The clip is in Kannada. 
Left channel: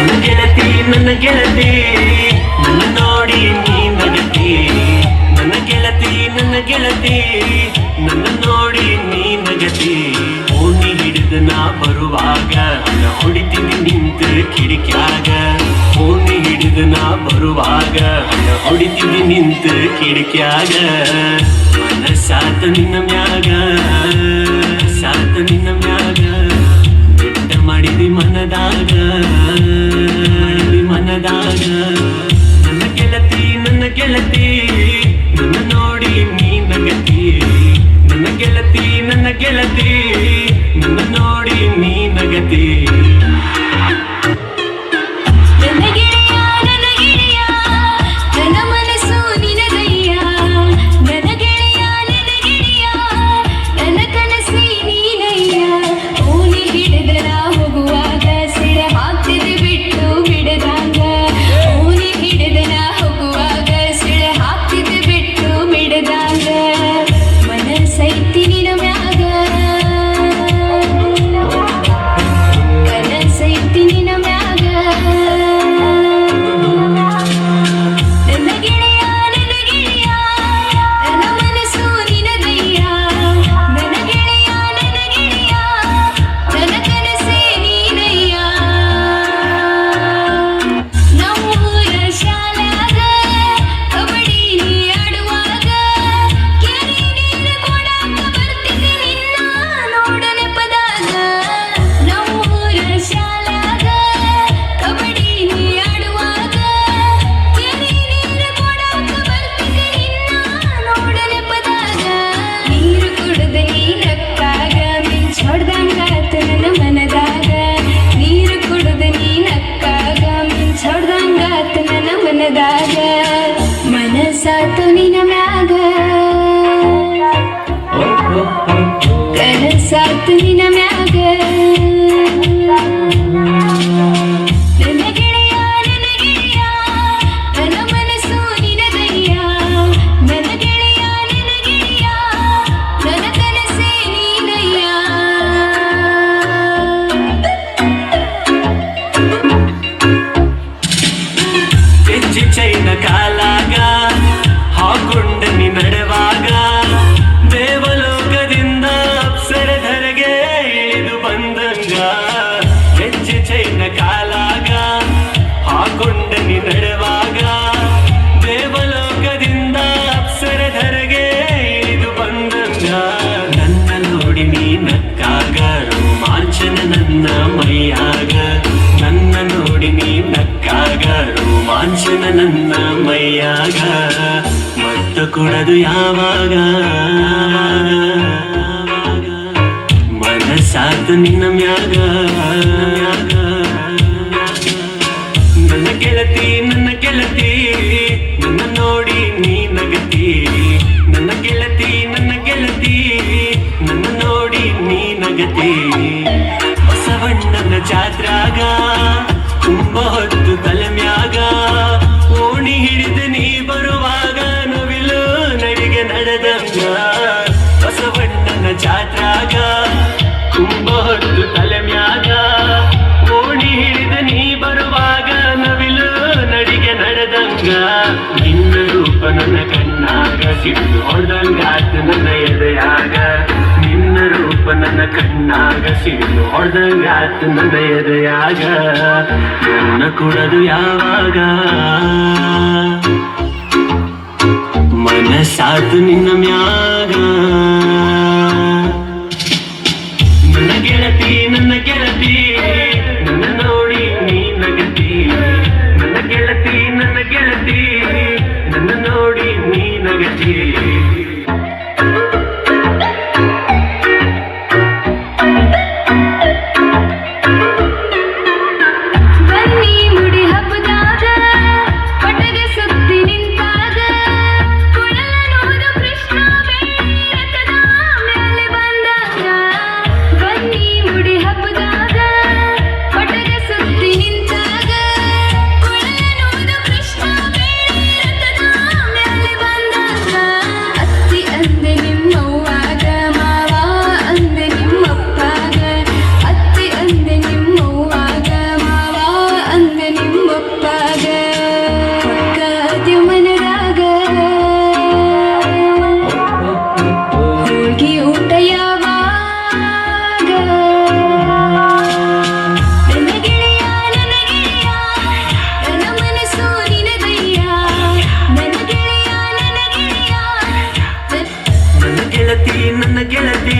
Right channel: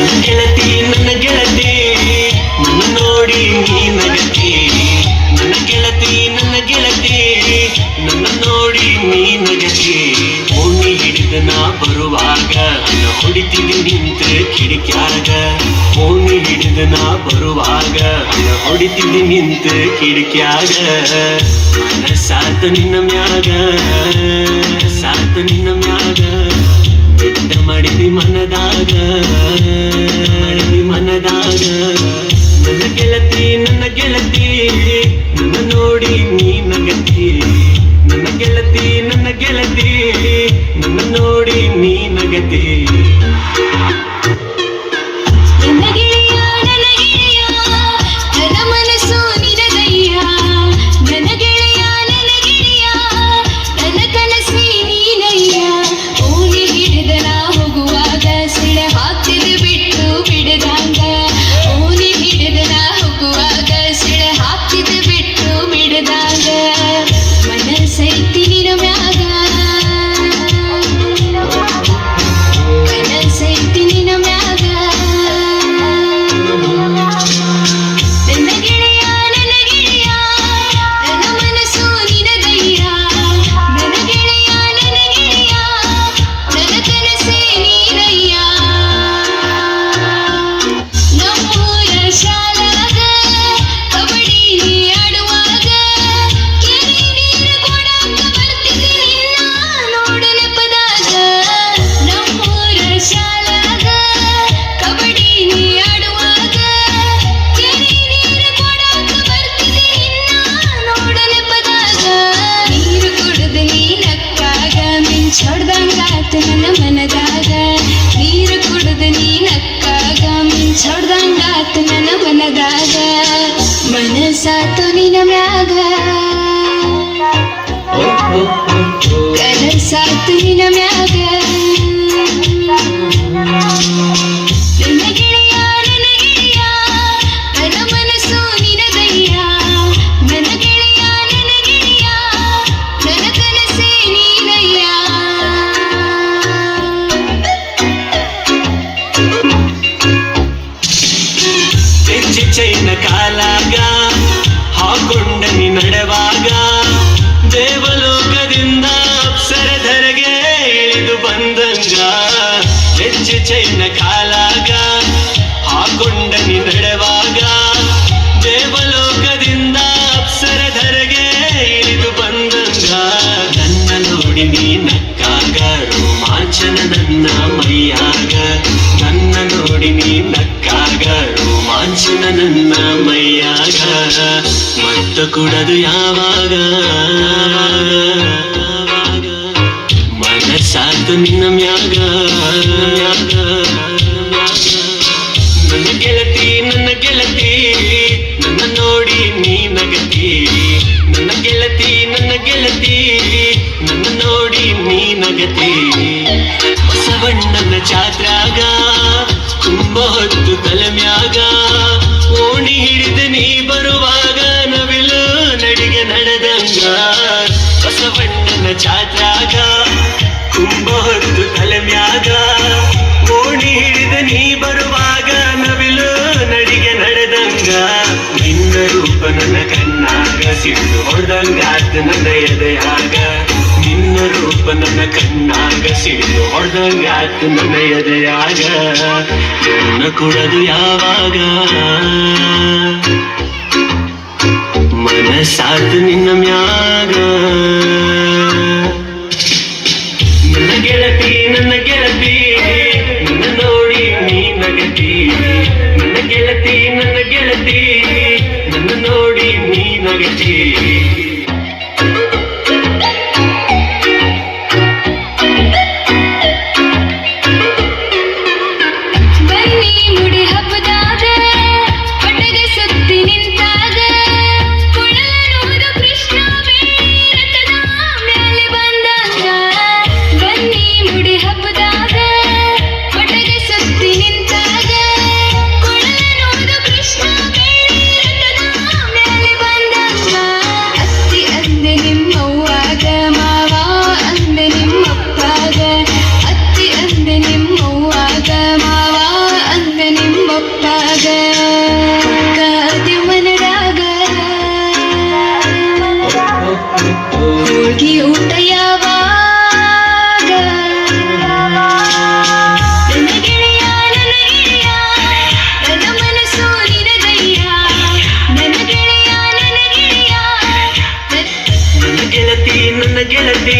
ನನ್ನ ಗೆಳತಿ ನನ್ನ ನೋಡಿ ನೀ ನಗತಿ ನನ್ನ ಗೆಳತಿ ನನ್ನ ನೋಡಿ ನೀ ನಗತಿ ಓಣಿ ಹಿಡಿದು ನಾ ಬರುವಾಗ ಹಣ ಹೊಡಿತೀನಿ ನಿಂತ ಕಿಡಿಕ್ಯಾಗ ಓಣಿ ಹಿಡಿದು ನಾ ಬರುವಾಗ ಹಣ ಹೊಡಿತೀನಿ ನಿಂತ ಕಿಡಿಕ್ಯಾಗ ಮನಸಾತ ನಿನ್ನ ಮ್ಯಾಗ ಬಿಟ್ಟ ಮಾಡಿದಿ ಮನದಾಗ ನನ್ನ ಗೆಳತಿ ನನ್ನ ನೋಡಿ ನೀ ನಗತಿ ನನ್ನ ಗೆಳತಿ ನನ್ನ ನೋಡಿ ನೀ ನಗತಿ ಮನಸಾತು ನಿನ ಮ್ಯಾಗ ಕನಸಾತು ನಿನ ಮ್ಯಾಗ ನನ್ನ ಗೆಳೆಯ ನನ್ನ ಮನಸ್ಸು ನಿನದಯ್ಯ ನನ್ನ ಗೆಳೆಯ ನನ್ನ ಕನಸೇ ನೀನಯ್ಯ ಚೈನ ಕಾಲಾಗ ಹಾಕೊಂಡ ನೀ ನಡೆವಾಗ ದೇವಲೋಕದಿಂದ ಅಪ್ಸರಧರೆಗೆ ಇಳಿದು ಬಂದಂಗ ಹೆಚ್ಚು ಚೈನ ಕಾಲಾಗ ಹಾಕೊಂಡ ನೀ ನಡೆವಾಗ ದೇವಲೋಕದಿಂದ ಅಪ್ಸರಧರೆಗೆ ಇಳಿದು ಬಂದಂಗ ನನ್ನ ನೋಡಿ ನೀ ನಕ್ಕಾಗ ರೋಮಾಂಚನ ನನ್ನ ಮೈಯಾಗ ನನ್ನ ನೋಡಿ ನೀ ನಕ್ಕಾಗ ರೋಮಾಂಚನ ನನ್ನ ಮೈಯಾಗ ಮತ್ತ ಕುಡದು ಯಾವಾಗ ಮನಸಾತು ನಿನ್ನ ಮ್ಯಾಗ ನನ್ನ ಗೆಳತಿ ನನ್ನ ನೋಡಿ ನೀ ನಗತಿ ನನ್ನ ಗೆಳತಿ ನನ್ನ ನೋಡಿ ನೀ ನಗತಿ ಬಸವಣ್ಣನ ಜಾತ್ರಾಗ ಕುಂಭ ಹೊತ್ತು ತಲೆಮ್ಯಾಗ ಓಣಿ ಹಿಡಿದು ನೀ ಬರುವಾಗ ನವಿಲು ನಡಿಗೆ ನಡೆದಂಗ ಬಸವಣ್ಣನ ಜಾತ್ರಾಗ ಕುಂಭ ಹೊತ್ತು ತಲೆಮ್ಯಾಗ ಓಣಿ ಹಿಡಿದು ನೀ ಬರುವಾಗ ನವಿಲು ನಡಿಗೆ ನಡೆದಂಗ ನಿನ್ನ ರೂಪ ನನ್ನ ಕಣ್ಣಾಗ ಸಿಟ್ಟು ಹೊಡೆದಂಗಾತ ನನ್ನ ಎದೆಯಾಗ ನಿನ್ನ ರೂಪ ನನ್ನ ಕಣ್ಣಾಗ ಸಿಡಿದು ಹೊಡೆದಂಗಾತ ನನ್ನ ಎದೆಯಾಗ ನನ್ನ ಕುಡದು ಯಾವಾಗ ಮನಸಾತು ನಿನ್ನ ಮ್ಯಾಗ ನನ್ನ ಗೆಳತಿ ನನ್ನ ನೋಡಿ ನೀ ನಗತಿ ನನ್ನ ಗೆಳತಿ ನನ್ನ ನೋಡಿ ನೀ ನಗತಿ ಮುಗಿಯೂಟ ಯಾವಾಗ ನನ್ನ ಗೆಳೆಯ ನನ್ನ ಗೆಳೆಯ ನನ್ನ ಮನಸ್ಸು ನಿನದಯ್ಯ ನನ್ನ ಗೆಳೆಯ ನನ್ನ ಗೆಳೆಯ ನನ್ನ ಗೆಳತಿ